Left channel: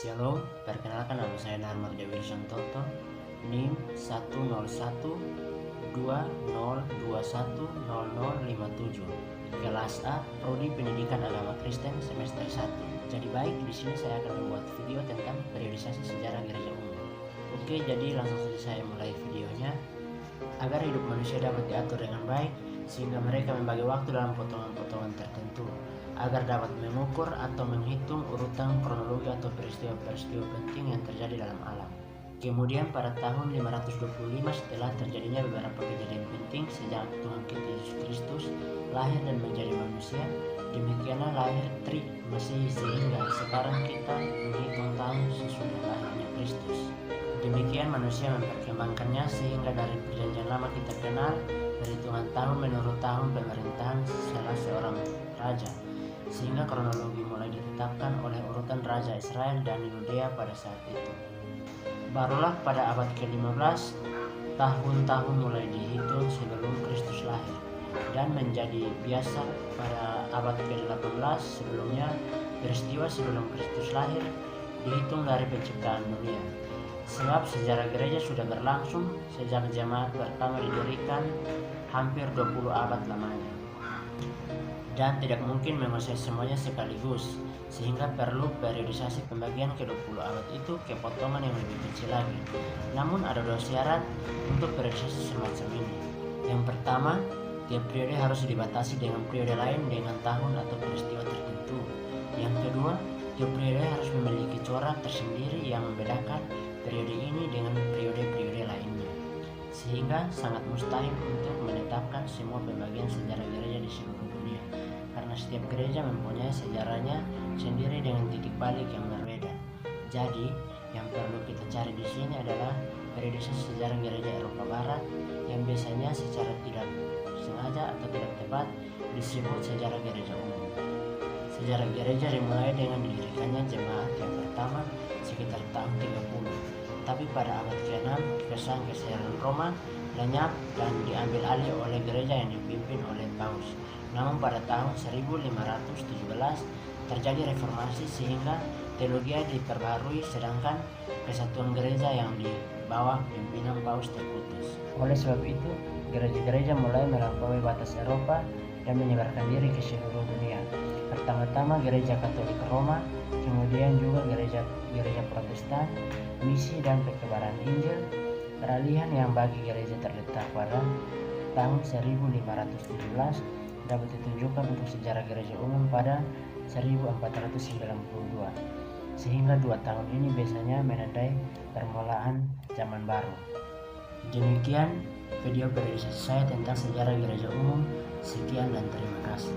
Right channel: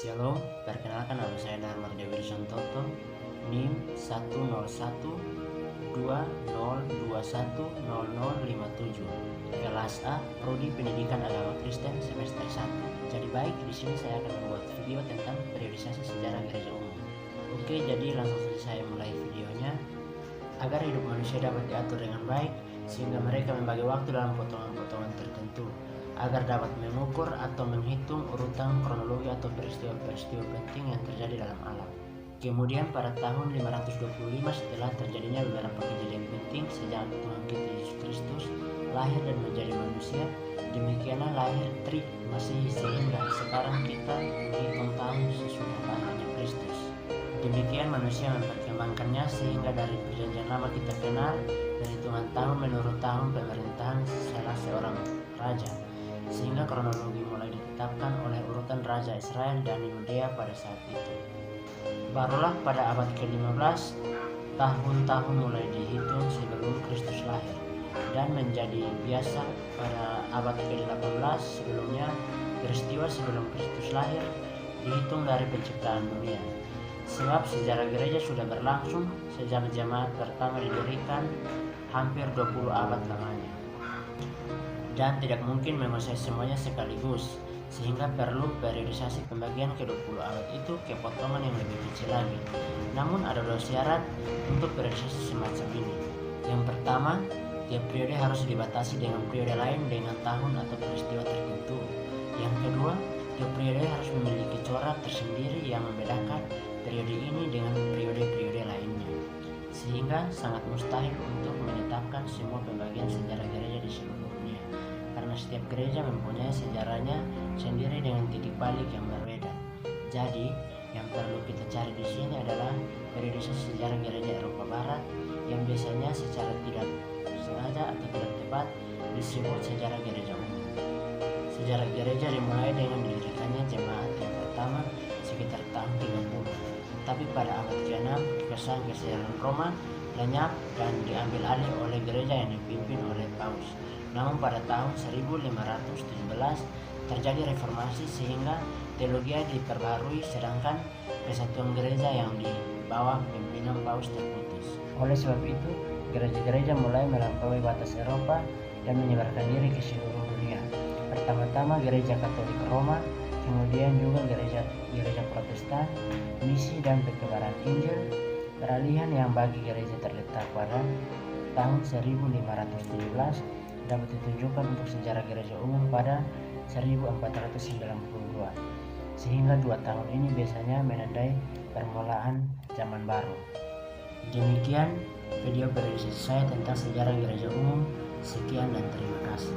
Shalom, perkenalkan nama saya Narmar Dewi Santoto, NIM 10120210057, kelas A, Prodi Pendidikan Agama Kristen semester 1. Jadi baik, di sini saya akan membuat video tentang periodisasi sejarah gereja umum. Oke, jadi langsung saja saya mulai videonya. Agar hidup manusia dapat diatur dengan baik, sehingga mereka membagi waktu dalam potongan-potongan tertentu, agar dapat mengukur atau menghitung urutan kronologi atau peristiwa-peristiwa penting yang terjadi dalam alam. Kemudian pada tahun 525 setelah terjadinya beberapa kejadian penting sejak Tuhan kita Yesus Kristus lahir dan menjadi manusia, demikianlah lahir Trik Masehi sehingga sekarang kita menghitung tahun sesudah lahirnya Kristus. Demikian manusia memperkembangkannya sehingga dari perjanjian lama kita kenal perhitungan tahun menurut tahun pemerintahan salah seorang raja, sehingga kronologi mulai ditetapkan oleh urutan Raja Israel dan Yudea pada saat itu. Barulah pada abad ke-15 tahun-tahun mulai dihitung sebelum Kristus lahir, dan menjadi biasa pada abad ke-18 sebelumnya peristiwa sebelum Kristus lahir dihitung dari penciptaan dunia. Sebab sejarah gereja sudah berlangsung sejak jemaat pertama didirikan hampir 20 abad lamanya, dan tidak mungkin menguasai semuanya sekaligus, sehingga perlu periodisasi pembagian ke-20 abad itu ke potongan yang lebih kecil lagi. Namun ada dua syarat untuk periodisasi semacam ini. Yang pertama, tiap periode harus dibatasi dengan periode lain dengan tahun atau peristiwa tertentu. Yang kedua, tiap periode harus memiliki corak tersendiri yang membedakan periode ini dengan periode-periode lainnya, sehingga sangat mustahil untuk menetapkan semua pembagian sejarah gereja di seluruh dunia, karena setiap gereja mempunyai sejarahnya sendiri dengan titik balik yang berbeda. Jadi, yang perlu kita cari di sini adalah periodisasi sejarah gereja Eropa Barat yang biasanya secara tidak sengaja atau tidak tepat disebut sejarah gereja umum. Sejarah gereja dimulai dengan didirikannya jemaat yang pertama sekitar tahun 30, tapi pada abad ke-6 kesan kesehatan Roma lenyap dan diambil alih oleh gereja yang dipimpin oleh Paus. Namun pada tahun 1517 terjadi reformasi sehingga teologi diperbarui, sedangkan kesatuan gereja yang di bawah pimpinan Paus terputus. Oleh sebab itu, gereja-gereja mulai melampaui batas Eropa dan menyebarkan diri ke seluruh dunia. Pertama-tama gereja Katolik Roma, kemudian juga gereja Protestan, misi dan perkebaran Injil, peralihan yang bagi gereja terletak pada tahun 1517 dapat ditunjukkan untuk sejarah gereja umum pada 1492, sehingga 2 tahun ini biasanya menandai permulaan zaman baru. Demikian video periodisasi saya tentang sejarah gereja umum. Sekian dan terima kasih.